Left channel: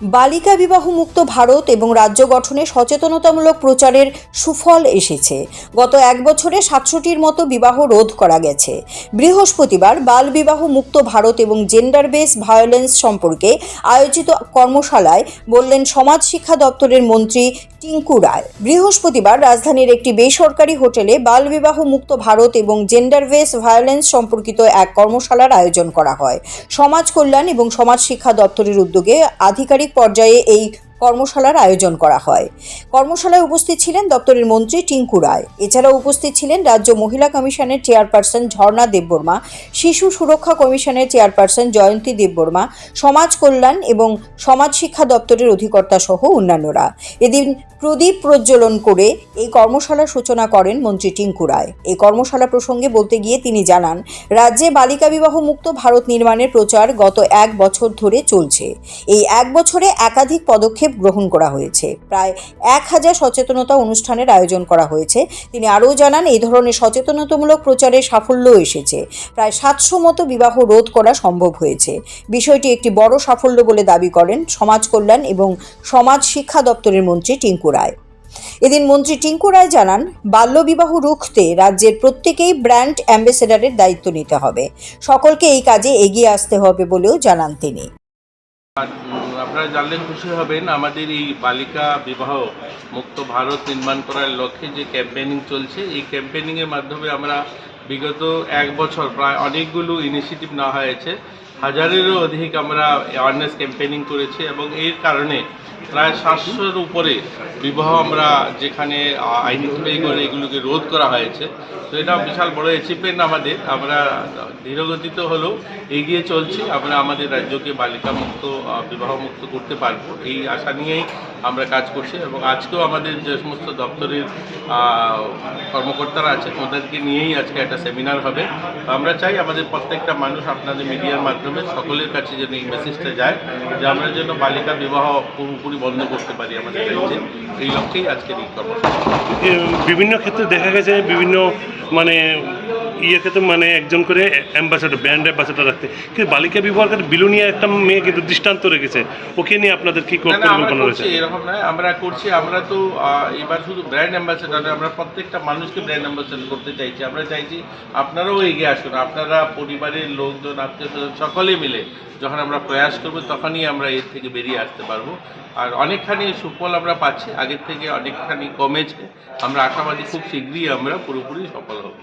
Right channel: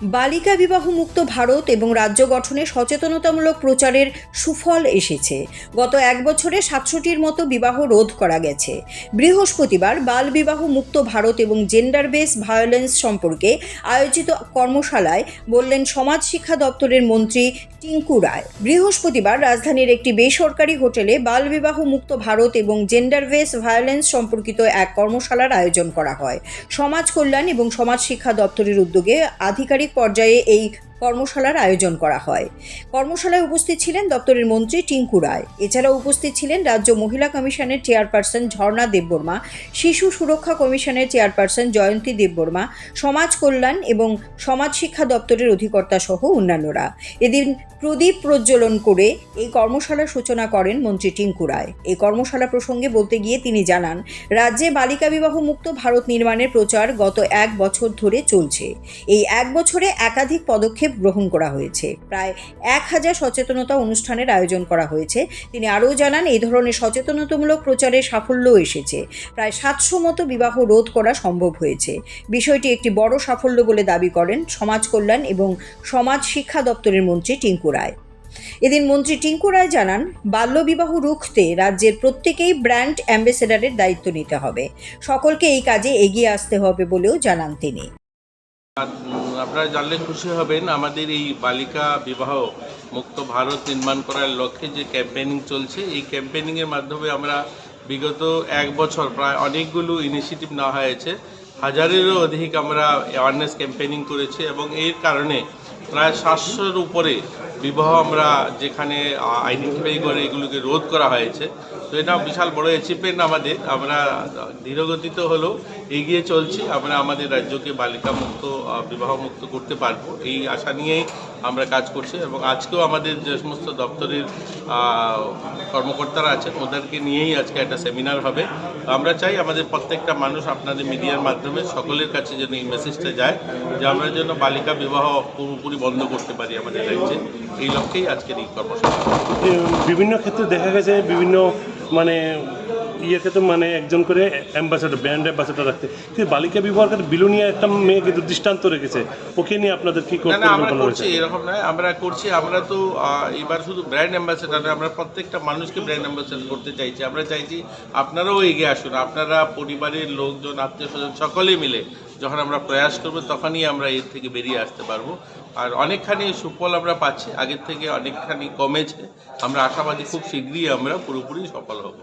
বালিকা বিবাহ মুক্ত ভারত এবং রাজ্য গঠনে সচেতনতামূলক প্রচারের সুফল এসেছে। গত এক বছরে ৭০০টির মতো বিবাহ রোধ করা গেছে। বৃহস্পতিবার বাল বিবাহ মুক্ত ভারত এবং জেন্ডার বেস ভায়োলেন্স সম্পর্কে আয়োজিত কর্মশালায় বললেন সমাজ শিক্ষা দপ্তরের মন্ত্রী টিঙ্কু রায়। বৃহস্পতিবার রাজধানীর একটি বেসরকারি হোটেলে বাল বিবাহ মুক্ত ভারত এবং জেন্ডার বেস ভায়োলেন্স সম্পর্কিত এক কর্মশালার আয়োজন করা হয়। সমাজ কল্যাণ এবং সমাজ শিক্ষা দপ্তরের উদ্যোগে আধিকারিক পর্যায়ে এই কর্মশালার আয়োজন করা হয়। কর্মশালায় উপস্থিত ছিলেন দপ্তরের মন্ত্রী টিঙ্কু রায়। এছাড়াও উপস্থিত ছিলেন রাজ্য মহিলা কমিশনের চেয়ারপারসন ঝর্ণা দেববর্মা, শিশু সুরক্ষা কমিশনের চেয়ারপারসন জয়ন্তী দেববর্মা, সমাজ কল্যাণ এবং সমাজ শিক্ষা দপ্তরের অধিকর্তা সহ অন্যান্যরা। এদিন প্রদীপ প্রজ্বলন করে এই কর্মশালার সূচনা করেন মন্ত্রী টিঙ্কু রায়। এই কর্মশালা প্রসঙ্গে বলতে গিয়ে তিনি জানান, রাজ্যে বালিকা বিবাহ মুক্ত ভারত নির্মাণের প্রচার গত এক বছর ধরে চলছে। এই এক বছরে একাধিক পদক্ষেপ গ্রহণ করা হয়েছে। প্রায় 1000 সচেতনতা অনুষ্ঠানের আয়োজন করা হয়েছে। তিনি আরও জানান, এই ধরনের সচেতনতামূলক প্রচারে সাফল্য এসেছে। প্রায় 700 মতো বিবাহ রোধ করা সম্ভব হয়েছে। বিষয়টি একটি বড় সাফল্য বলে দাবি করেন সমাজ কল্যাণ এবং সমাজ শিক্ষা দপ্তরের মন্ত্রী টিঙ্কু রায়। এদিন মন্ত্রী টিঙ্কু রায় জানান, বাল্যবিবাহ রুখতে রাজ্যের প্রত্যেকেই ব্র্যান্ড অ্যাম্বাসেডারের দায়িত্ব নিতে হবে। সকলকে এই কাজে এগিয়ে আসতে হবে বলেও জানান তিনি। আপনারা জানলে খুশি হবেন, আমাদের এই বালিকা বিবাহ মুক্ত ভারত নির্মাণ করার লক্ষ্যে যে ক্যাম্পেইনিং চলছে, এই ক্যাম্পেইনিংয়ের মাধ্যমে আমরা বিগত এক বছর প্রায় অনেকগুলো ইনিশিয়েটিভ নেওয়া হয়েছে। হাজারেরও অধিক আমরা অ্যাওয়ারনেস ক্যাম্পেইনিং করেছি এবং এর কারণে প্রায় 700-র উপরে বিবাহ আমরা যেখানে আইডেন্টিফাই করে এগুলোকে রোধ করা হয়েছে। তো এটা বিশাল বড় অ্যাচিভমেন্ট আমাদের। আমরা ধীরগতিতে হলেও এগিয়ে চলছি। আমরা আমাদের রাজ্যকে বালিকা মুক্ত বিবাহ মুক্ত করতে পারবো, এই আশা নিয়েই আমরা কাজ করছি। এবং আজকেও আমাদের যে সমস্ত দপ্তরের কর্মকর্তারা আছেন ওদেরকে নিয়েই আজকে একটা সেমিনার হবে। আমরা চাই আমাদের প্রত্যেকটা মানুষ আপনাদের মিডিয়ার মাধ্যমে সকলের কাছে যেন এই মেসেজটা যায় যে আমরা যেন বালিকা বিবাহ পুরোপুরি বন্ধ করতে পারি আমাদের রাজ্যে। এই লক্ষ্যেই আজকের এই কর্মশালা। বিভিন্ন ক্ষেত্রে দেখা গেছে বিভিন্ন ক্ষেত্রে একজন করে অ্যাম্বাসেডর, ব্র্যান্ড অ্যাম্বাসেডর রাখতে, কিন্তু বালিকা বিবাহের ক্ষেত্রে বিলুনিয়া একটা মেয়ে কিন্তু দৃষ্টান্ত রেখেছে। ওকে নিয়ে আপনাদের কি পরিকল্পনা রয়েছে? এরকম নয়, আমরা করছি। আমরা তো এবার শুধু ব্র্যান্ড অ্যাম্বাসেডর নয়, আমরা প্রত্যেকটা মানুষকে ব্র্যান্ড অ্যাম্বাসেডর করতে চাইছি। আমরা চাইছি আপনারাও এগিয়ে আসুন। আপনারা পরিবারের লোকজন, আত্মীয় স্বজন সকলে মিলে যখন আমরা প্রয়াস করবো তখনই আমরা এর থেকে বেরিয়ে আসতে পারবো। আর অনেকখানি সুফল আমরা পাচ্ছি, আগের থেকে অনেকখানি কমেছে। আমরা আশাবাদী খুব শীঘ্রই আমরা পুরোপুরি সফল হব।